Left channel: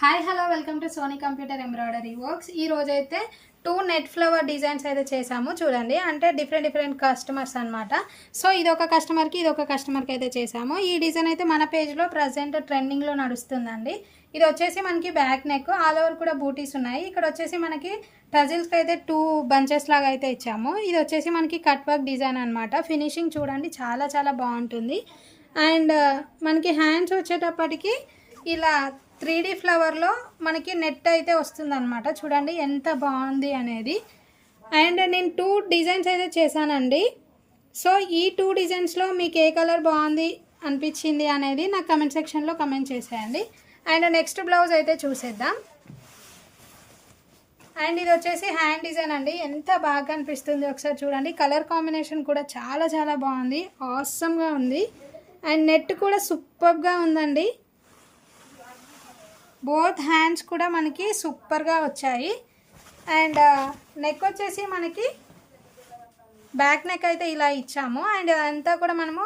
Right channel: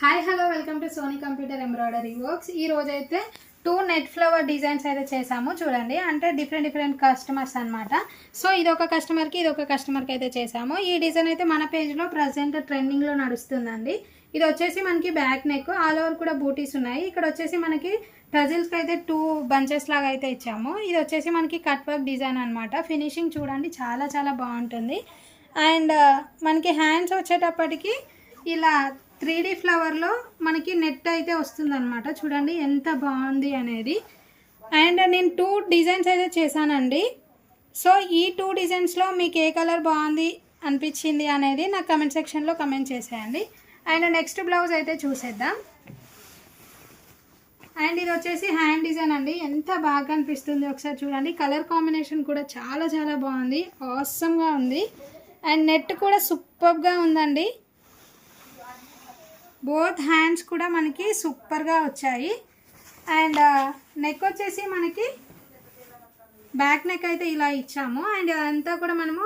Hi hello welcome to Sony computer embroidery works. ఈ రోజు అయితే 2 నెట్ ఫ్లవర్ డిజైన్స్ అయితే చేసాము. చూడండి, అంటే డిఫరెంట్ కస్టమర్స్ అనమాట. సో ఇదొక కస్టమర్కి అయితే చేసాము. ఈ డిజైన్ అయితే మన పేజ్లో ప్రజెంట్ ట్రెండింగ్లో నడుస్తుందండి. ఇది వచ్చేసి మనకి బ్యాక్ నెక్, ఆల్ ఓవర్ కూడా బూటీస్ ఉన్నాయి. ఇక్కడ వచ్చేసి మనకి టజిల్స్కి అయితే 2 బంచెస్ లాగా అయితే ఇచ్చాము. ఇది వచ్చేసి మనకి కట్ వర్క్ డిజైన్ అనమాట. ఫినిషింగ్ చూడండి, చాలా బాగుంటుంది. అండ్ మనకి హ్యాండ్స్ వచ్చేటప్పటికి ఇలా 3D ఫ్లవర్లో మనకి నెట్ అయితే వస్తుందన్నమాట. చూడండి ఎంత బాగుంది అనేది. అండ్ నేను 2 డిజైన్స్ అయితే చేశానండి. సో ఈ 2 డిజైన్స్లో మీకు ఏ కలర్ బాగుంది అనిపించింది అనేది నాకు కమెంట్ సెక్షన్లో కమెంట్ చేసేయండి. అండ్ నెక్స్ట్ బ్లౌజ్ అయితే చూసేద్దాం. అండ్ ఇది వచ్చేసి హ్యాండ్ డిజైన్ అండి. ఎంత బాగా అనిపిస్తుంది ఒకసారి చూడండి. కలర్ కాంబినేషన్ కూడా చాలా బాగుంది, ఆసమ్గా ఉంది. అండ్ నెట్ కూడా సూపర్గా ఉందండి. బోత్ హ్యాండ్స్ కూడా మనకి సూపర్గా వచ్చాయి. అండ్ నెక్ వచ్చేసి మనకి బ్యాక్ నెక్ అయితే ఇలా ఇచ్చాము. అండ్ అంతా కూడా మనము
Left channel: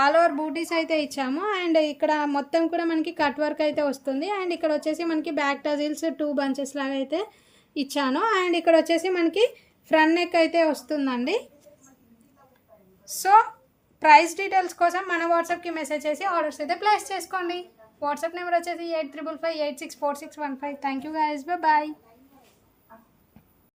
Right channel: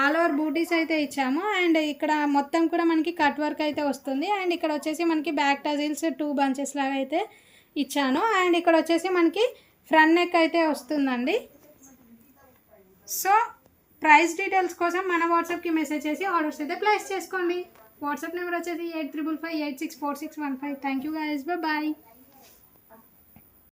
ఆల్ ఓవర్ బూటీస్ అయితే ఇచ్చాము. అండ్ ఇక్కడ మొత్తం కూడా మనకి కట్ వర్క్ అయితే వస్తుంది. అండ్ ఇక్కడ వచ్చేసి మనకి బ్యాక్ టజిల్స్ 2 బంచెస్ లాగా అయితే ఇచ్చాను. అండ్ ఇక్కడ వచ్చేసి మనకి ఫ్రంట్ నెక్ అయితే వస్తుందండి. సో ప్రైస్ డీటెయిల్స్ కోసం మన వాట్సాప్కి మెసేజ్ చేసి ఆర్డర్స్ అయితే ప్లేస్ చేసుకోండి. వాట్సాప్ నెంబర్ వచ్చేసి 8355864615. Thank you guys, bye.